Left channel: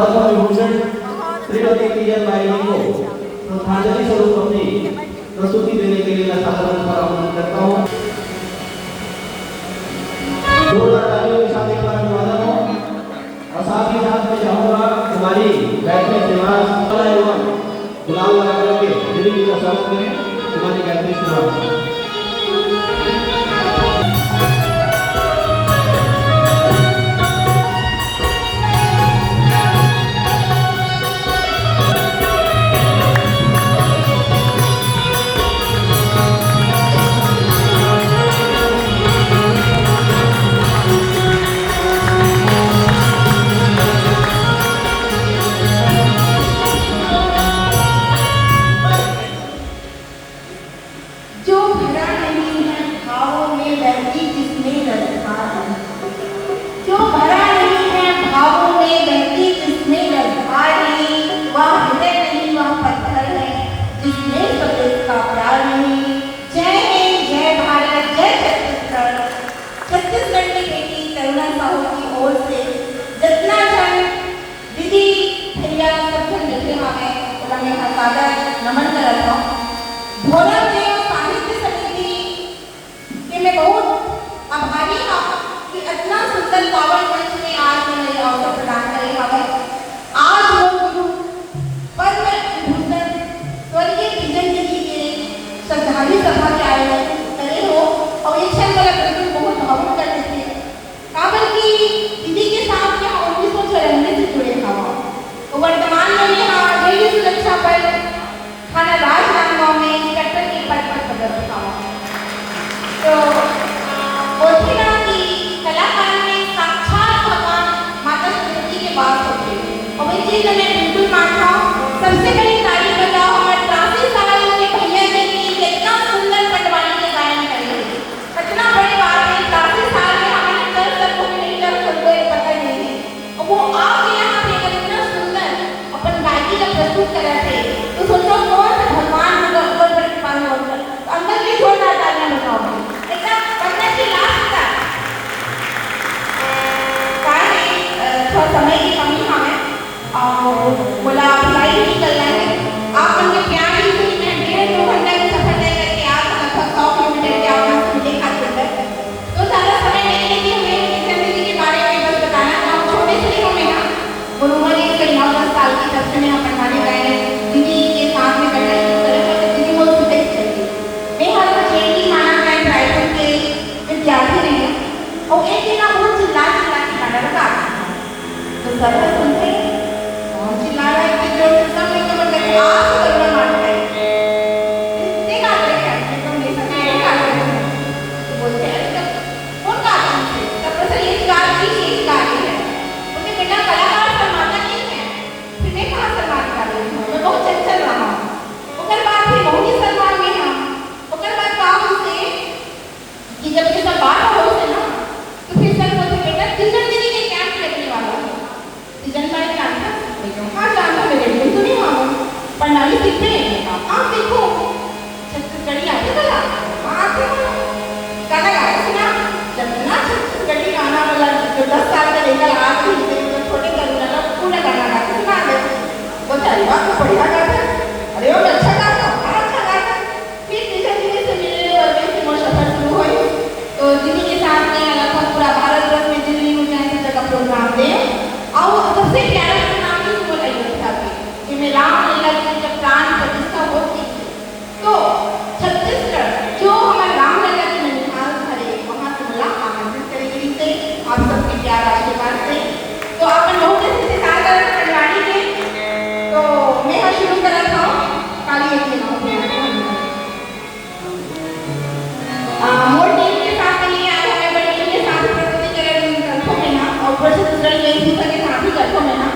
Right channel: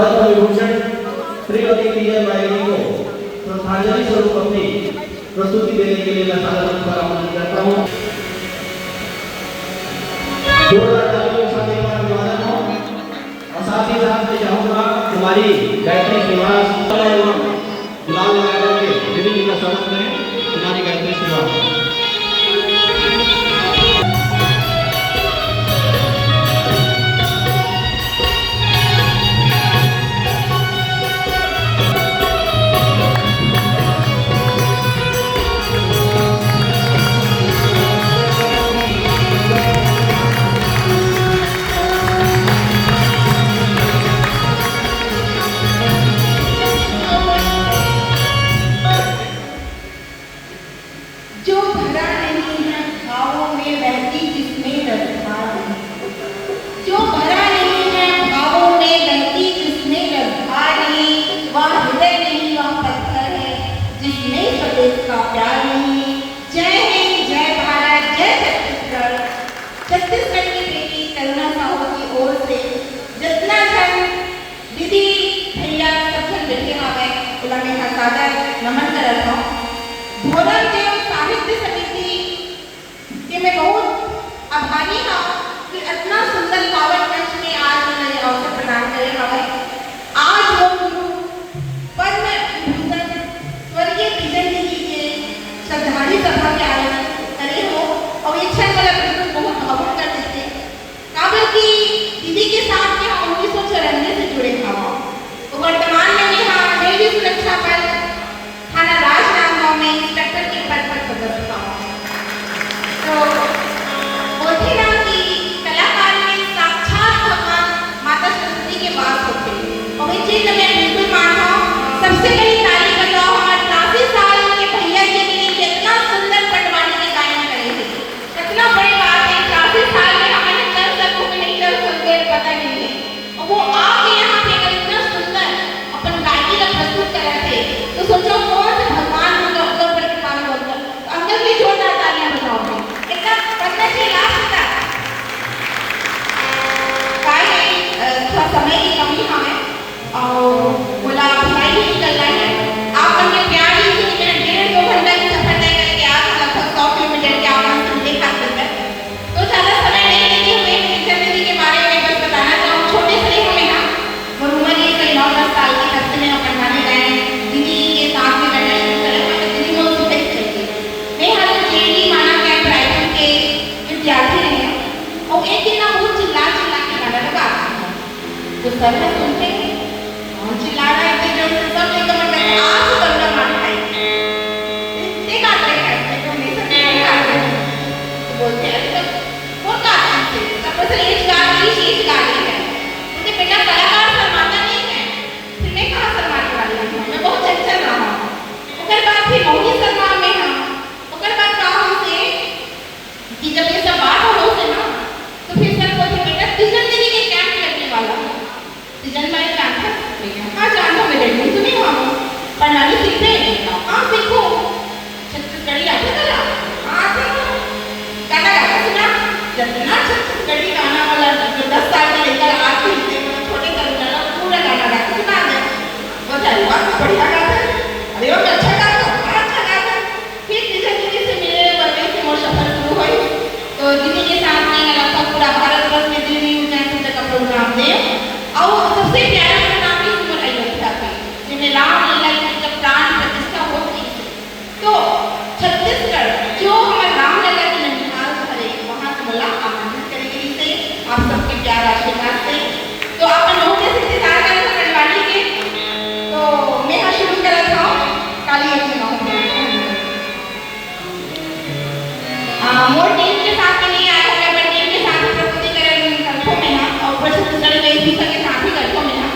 Padma Vibhushan Shrimati PM Naidu को श्रद्धांजलि स्वरूप अपनी प्रस्तुति देने के लिए मैं सादर आमंत्रित करता हूँ। जोरदार तालियों के साथ एक बार अभिवादन हो और साथ ही साथ मैं चाहूँगा हमारी गायत्री श्रीनिवास एवं गुलाल लगा करके दीदी जी का स्वागत करें। हमारी गायत्री श्रीनिवास नमन करता हूँ। भोरम देव साहित्य समिति के मैं बहुत आभारी हूँ कि इतना सुंदर पावन मंच में आज मुझे अवसर प्रदान करेगा। आज वो गुरु पद्म विभूषण स्वर्गीय पीजन जी के श्रद्धांजलि सभा के आयोजन करे हो और ये क्षण मेरा बिल्कुल बहुत भावुक कर देते हैं। काबिल की दीदी के साथ में हम 1994 से जुड़े थे। वो वर्तमान में यहाँ रेलवे सुरक्षा पर थाना राजनांदगांव में इंस्पेक्टर के पद पर पदस्थ हूँ। तो बोलते ना कि कलाकार में साक्षात भगवान माता सरस्वती के वास होते हैं और ये चीज मैं बिल्कुल मानता हूँ। सबसे बड़ी तारीफ बताओ हमारे 83 साल के भैया जी ने कितना सुंदर पटवानी के गायन करे थे। कितना बड़ी बात है, 83 साल में हमारे कर सको कि नहीं कर सको पता नहीं है और वो आके यहाँ पे इतना सुंदर अपन गायकी का प्रस्तुत कर रहे थे। तो सोचो भगवान ऊपर पर कृपा होगा अंदर की छोटा तालियां बजाओगे इतना करने की लास्ट तक काहे थोड़ा समय की कमी हमें और बोला भाई ही निकलना है। आप अपने प्यार ही से 1.5-2 घंटे की सफर तय करके आज लगभग 100 किलोमीटर के आप मुझे खास करते तो ज़्यादा समय नहीं लेगी। हमें चंद्र जी के बारे में बस बताना चाहूँ। छोटे से ही हमें ना वो उम्र ही करीब 9-10 साल की तब से मैं अपने गाने गाए दीदी के साथ में करने और एक दिन ना वो चिल्ला चिल्ला के गाना लगा तो सब सुनते कौन चिल्ला रहा है कि जो सब लोग कमर में आज बंदा मार रहा है इतने गाते हैं तो हमेशा नहीं गाते बोलते हैं तो कौन गाते हैं सब बस एक गा रही है मुझे बेटा कलाकार शर्माता नहीं है फिर मैं कहाँ शर्माने वाली हूँ। मैं बहुत चंचल रहा हूँ। उसके बाद फिर मोहिनी शर्मा में हम उसके बाद कहा हमसे कि जब ये सब बात हो से ना तो फिर सर बोलते बेटा तीजन दीदी के कैंप लगने वाला है। तीजन मैं जानता हाँ जानता मेरे लिए तो नहीं हुआ प्रणाली सीखते हैं आप देखो छत्तीसगढ़ी आता था हाँ गाना गाया सुना जब ना छत्तीसगढ़ी गाना वाला जो 10 साल का लेकर आज भी छोटे करुणा पूरा गाना गाते सुना दे वो चल बात बढ़िया गाता है अरे वो अच्छा गाता अच्छा गाता फिर तीजन दीदी से मेरे वर्गे से मोर सफर शुरू हुई। तो दीदी के साथ में लगभग पूरा भारत वर्ष में दिल्ली यूनिवर्सिटी तक का प्रोग्राम दे और सबसे प्यारा प्रोग्राम भी सुनो अयोध्या के जिसमें रामलीला की जब प्राण प्रतिष्ठा होती तो छत्तीसगढ़ जो हमारे रामलला की ननिहाल भरे वहाँ से मला आमंत्रित करेगी से आप सबके प्यार आशीर्वाद से। तो आप लोगों ने से सारा कटवाड़ी के तो मैं शुरू कर रहा हूँ काली अखियाँ मोर टीम के साथ में नहीं आया मैं टीम के साथ ही प्रस्तुति करेंगे कल्पों में ना और ऊपर से दूसरे में भी के साथ ही कल्पों में ना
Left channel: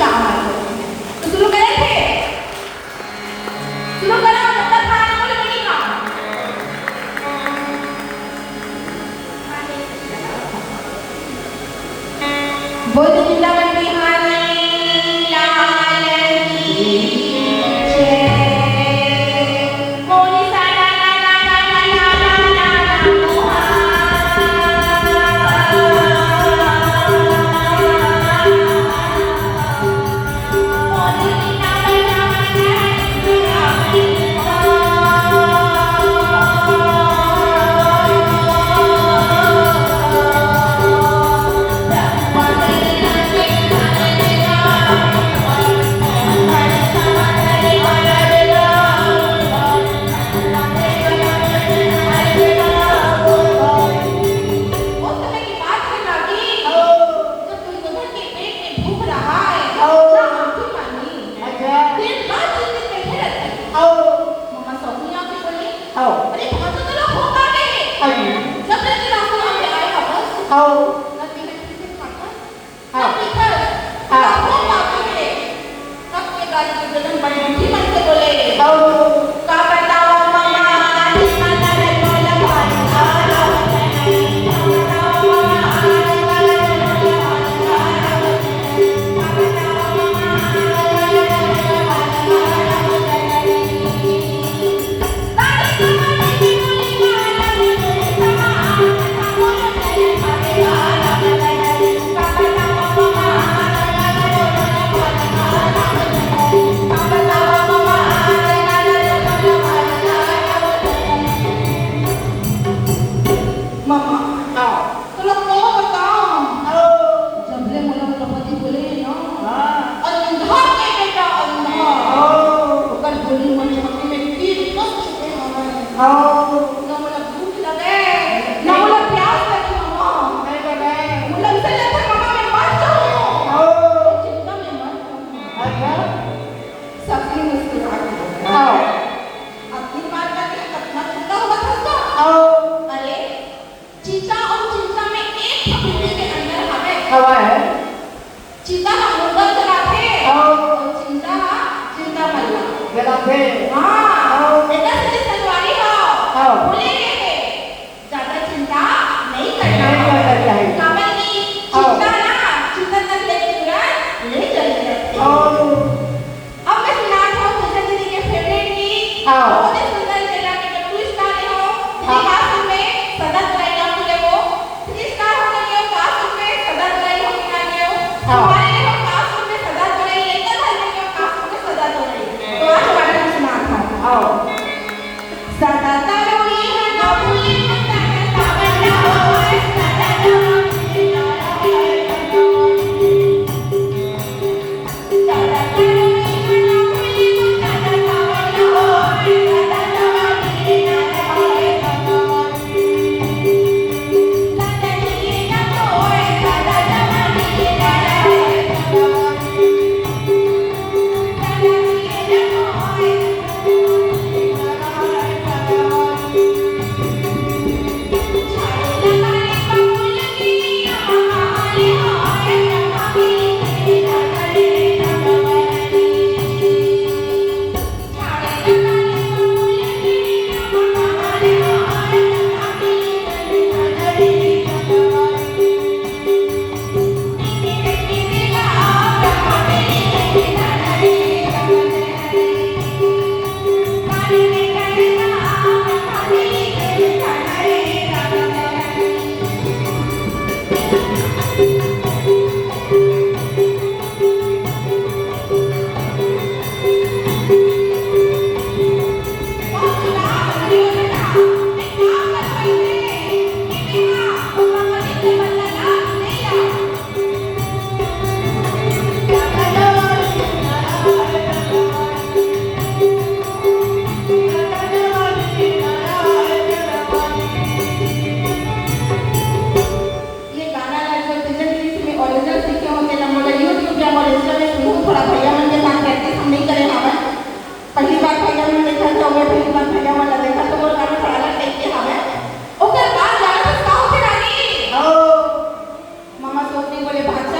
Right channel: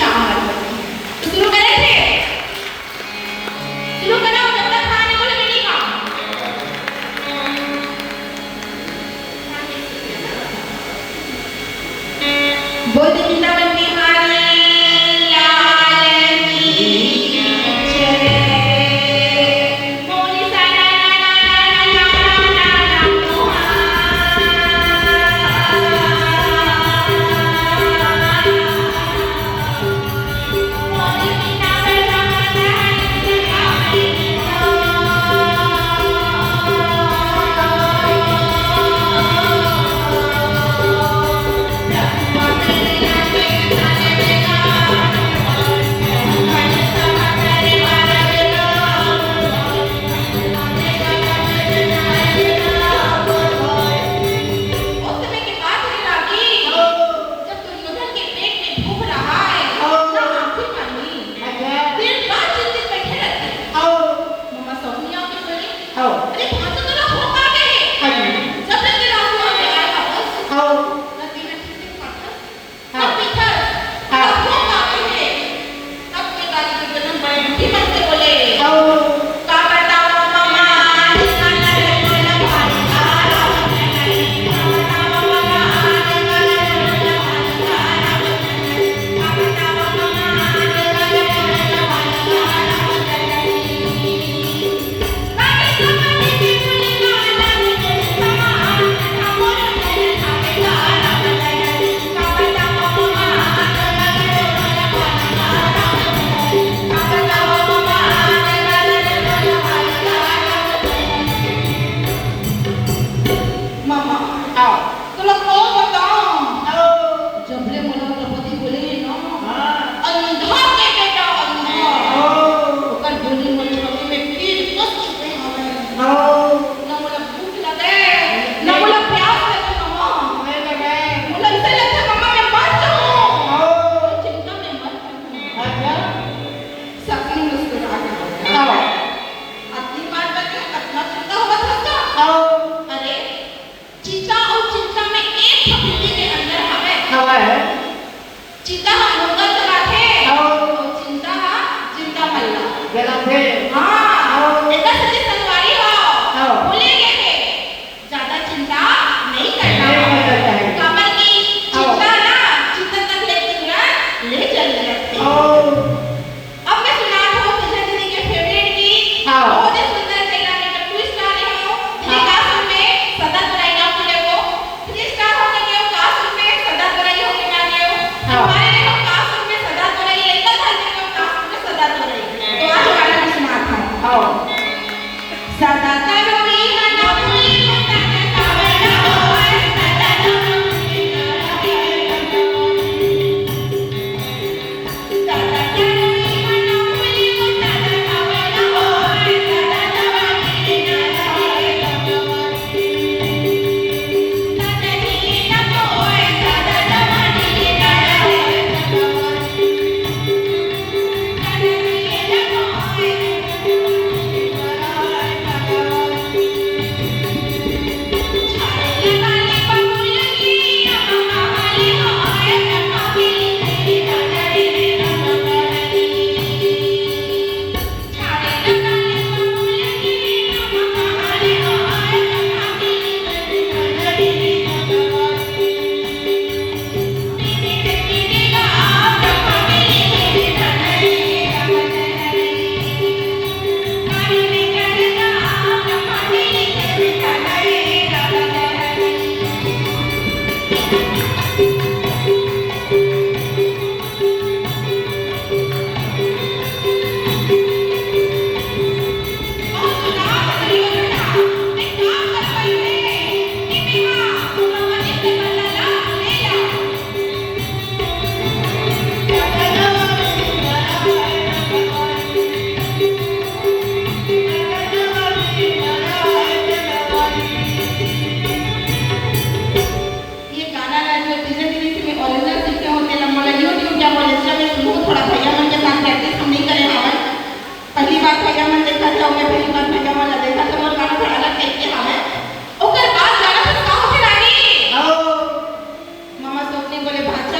काम करते हैं। तो शुरू करें थे? शुरू करो, जब तक खाना बोले नहीं काम। बोल वृंदावन बिहारी लाल की जय। बोली सा ला ला ला ला ला ला ला उस समय की बात है रागी, जब दुर्योधन के पेट में भूख रहा है, ना आंखें बंदी, दिन भर चिंतित बैठे रहते हैं। मामा सोनी आके बोली, अरे भाषा तो लोग हो पाते हैं। जब तक के रास्ते में आए वापस, नदी में चिंतित पाता, तब पीछे, तब हो पाते हैं। तब के बाद दुर्योधन बड़े मीठी मन से बोले, क्या करता हो मामा? मामा, तो लोग को बताओ, जब ले मुला द्रौपदी बोले ना, अंधा के बेटा अंधा, कर बोली मुझे में कीड़ कस चुके हैं, ना मुला भूख लगे, ना मुला प्यास लगे मामा, मुला इसे लगता है मामा मैं मर जाऊँ, चिंता में मत करना, सभी मुस्कुरा के बोले, अपनी बात करके कितना चिंता होगा था? अरे चिंता और चिंता में एक फकीर के अंदर हमें चिंता हम लोग चलाते और चिंता मल्ला हाँ ऐसा सच्ची संस्कारी हो भूलेंगे के ज्यादा चिंता नहीं करना है कमल की चिंता ना चिंता तक ले चलने लगती है। अब मैं सुनाता हूँ पूजा दीदी के फेवरेट की बहुत ही सुंदर चला के जब ट्विस्ट आ रहे हो क्लासरूम में सदा बुराई ना भूले वो ट्विस्ट हो गया क्लासरूम में सदा बुराई हो के ना गए हमारे देखो क्लासरूम में सदा बुराई लेकर था लेकिन क्लासरूम में सदा बुराई तो आज गाना सुनाता हूँ सदा करोगी ना भूले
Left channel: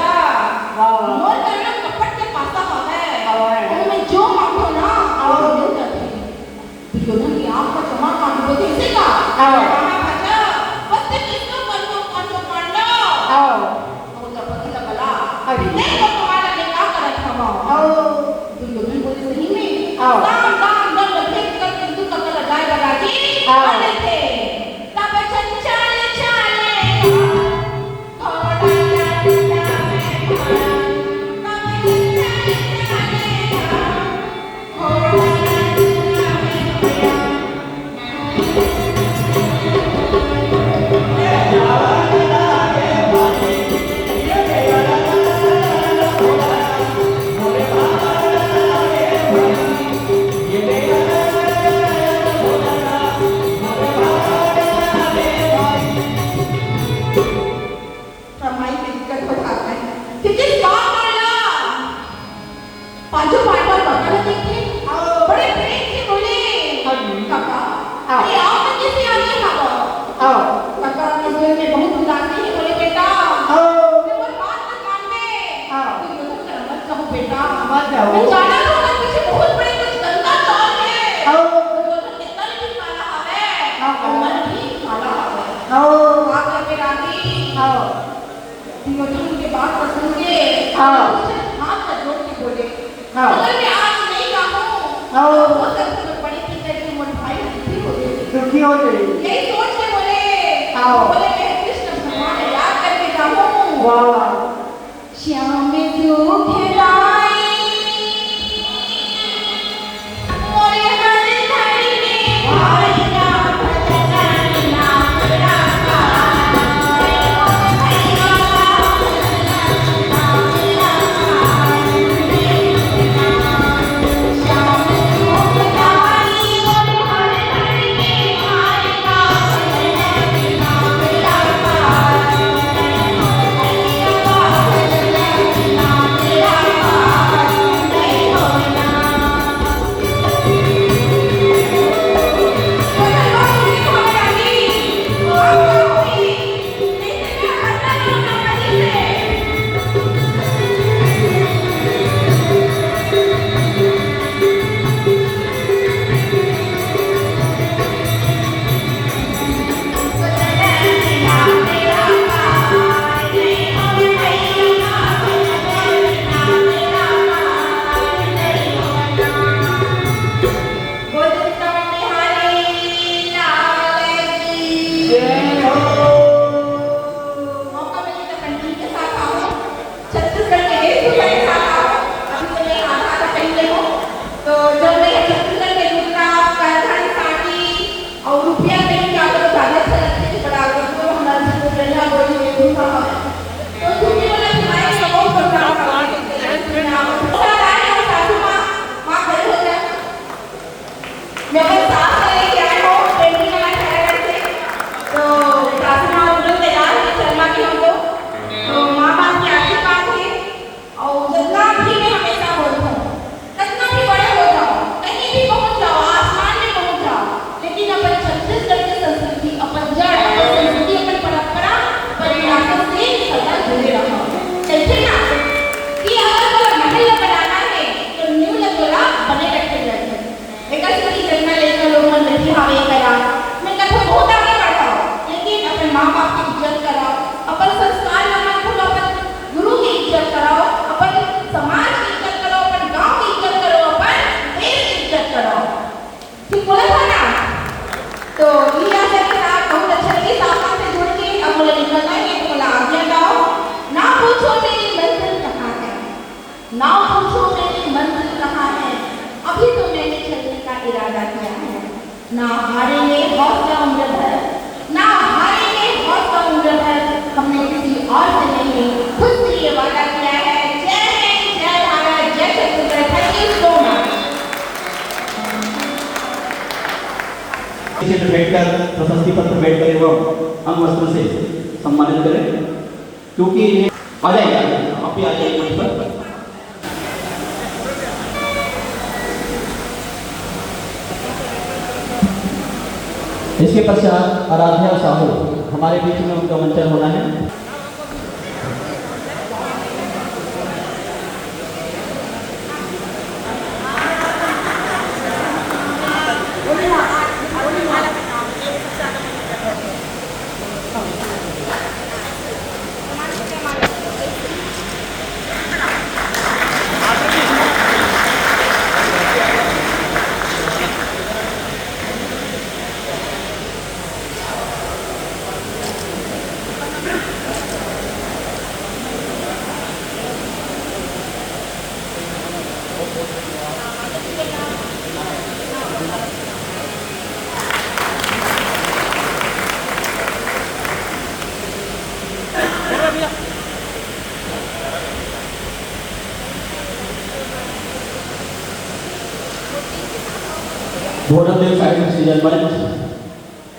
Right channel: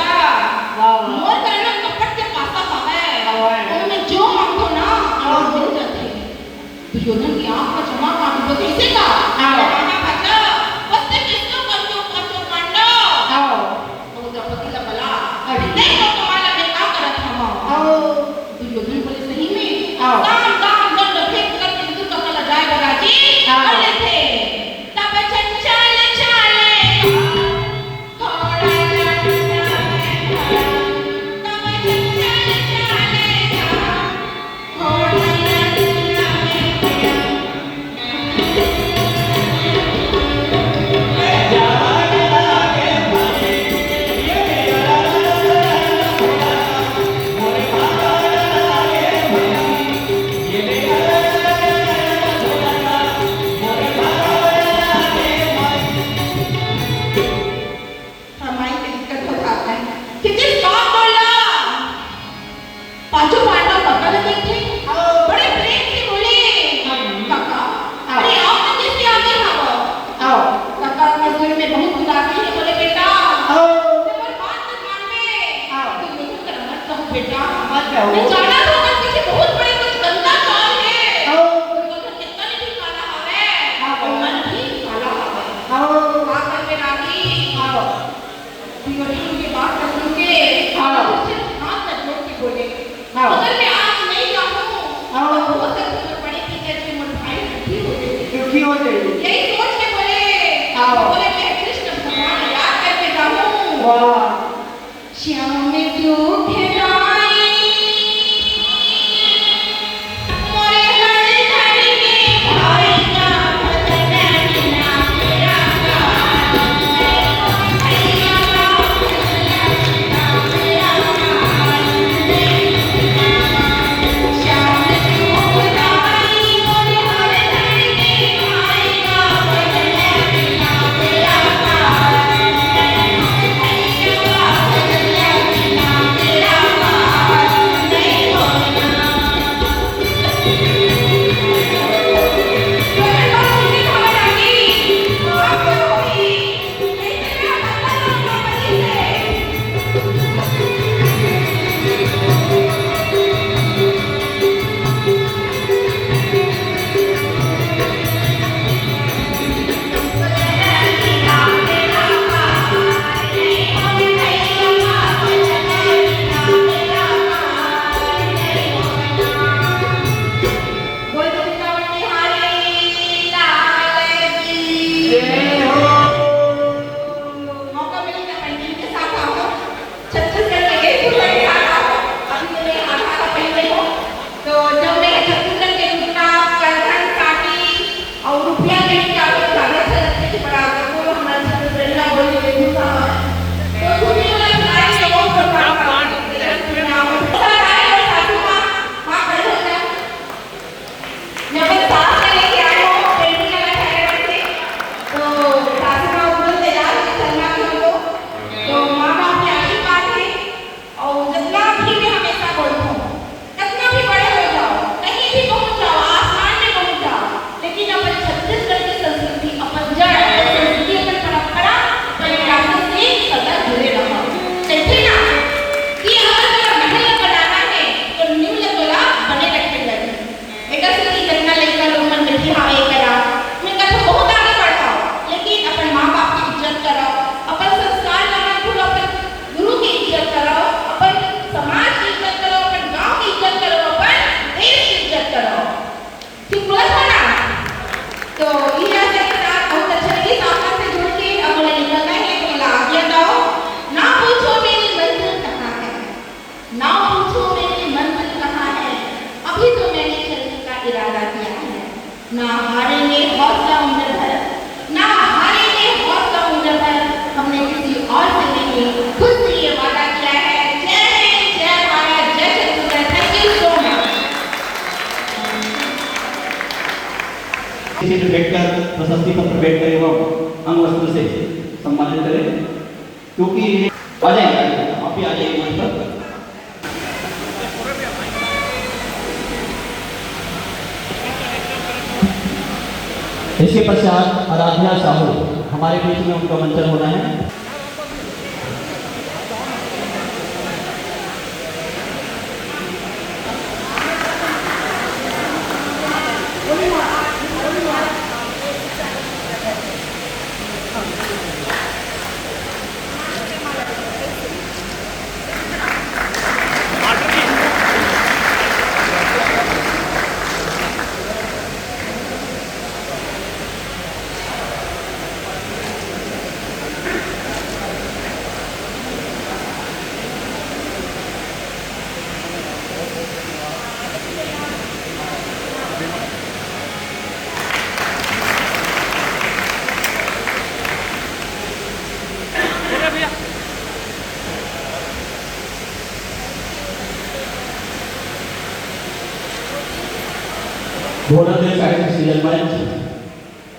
मोर करना कपट के तीनों उनके बात को सुन के हाँ। हाथ से जोड़ के बोले हाँ। अगर मैं आज नहीं जाऊँ हाँ। हो सकता है बड़ी टीचर के मन भाई दुखी हो गई। यही सोच के बोले हाँ। बोले मैं कृष्ण भगवान याद करके जाऊँ वाह। श्याम दुख लाई मोरे हर घड़ी में भाई ना भजना ना तेरा मौका मिले तो पंडित के साथ आओ छत्तीसगढ़ के गेस्ट के साथ आओ अभी तो मैं आधा का पहले हो तो जब मैं छत्तीसगढ़ के रुपया करधन काटी और रुपया लेके आगे सारे चलते के बराबर को हमारे छत्तीसगढ़ में बोली के दूसरा तो तुम्हें वाला सुनाई तो बहुत बड़ा मैं अपने साथ में लेके आई हूँ पेंटिंग वाला कैरेक्टर से तो सासू माँ उधर तैयार है शर्मा की हमको तो माँ बाप की आशीर्वाद है और जितना भी मैं हमेशा बोलता हूँ कितना भी बड़े हो जाओ कहीं भी पहुँच जाओ आसमान में पहुँच जाओ लेकिन अपन छत्तीसगढ़ की संस्कृति अपन जड़ अपन संस्कृति अपन परंपरा विरासत से सदा जुड़े रहो कहते ना कि अगर महल बनाना है तो न्यू लगोला बने रखे गए एक ऐसी जन्म लेकर लोग मन बैठी हाँ ये करा मैं कहता बहुत आगे बढ़ाओ लेकिन अपन माँ बाप की इज्जत कराओ अपन संस्कार लगा भूलो अपन गुरु की इज्जत कराओ अपन समाज की इज्जत करो अपन गांव की इज्जत करो अपन देश की इज्जत करो ठीक बोला था ना तो ये आशा के साथ बहुत अच्छा लगे सामने से जुड़ के अब मुझे निकलना है तो बोला आज्ञा दो ना पूछो मेरी मंजिल कहाँ है ना पूछो मेरी मंजिल कहाँ है अभी तो मैंने चलने का इरादा किया है ना हारेंगे हौसला उम्र भर ना हारेंगे हौसला उम्र भर हमने किसी और से नहीं खुद से ये वादा किया है जय हिंद जय भारत जय Chhattisgarh thank you so much इसे बैठकर प्रशस्ति पत्र भेंट करें एवं अंग वस्त्र से सम्मानित करें क्योंकि आ जाएंगे आप ही आ जाइए मंच पर इसके पश्चात आराध्या साहू हमारे बीच में उनका मंचन होना है घोड़ा देश आगे सीजन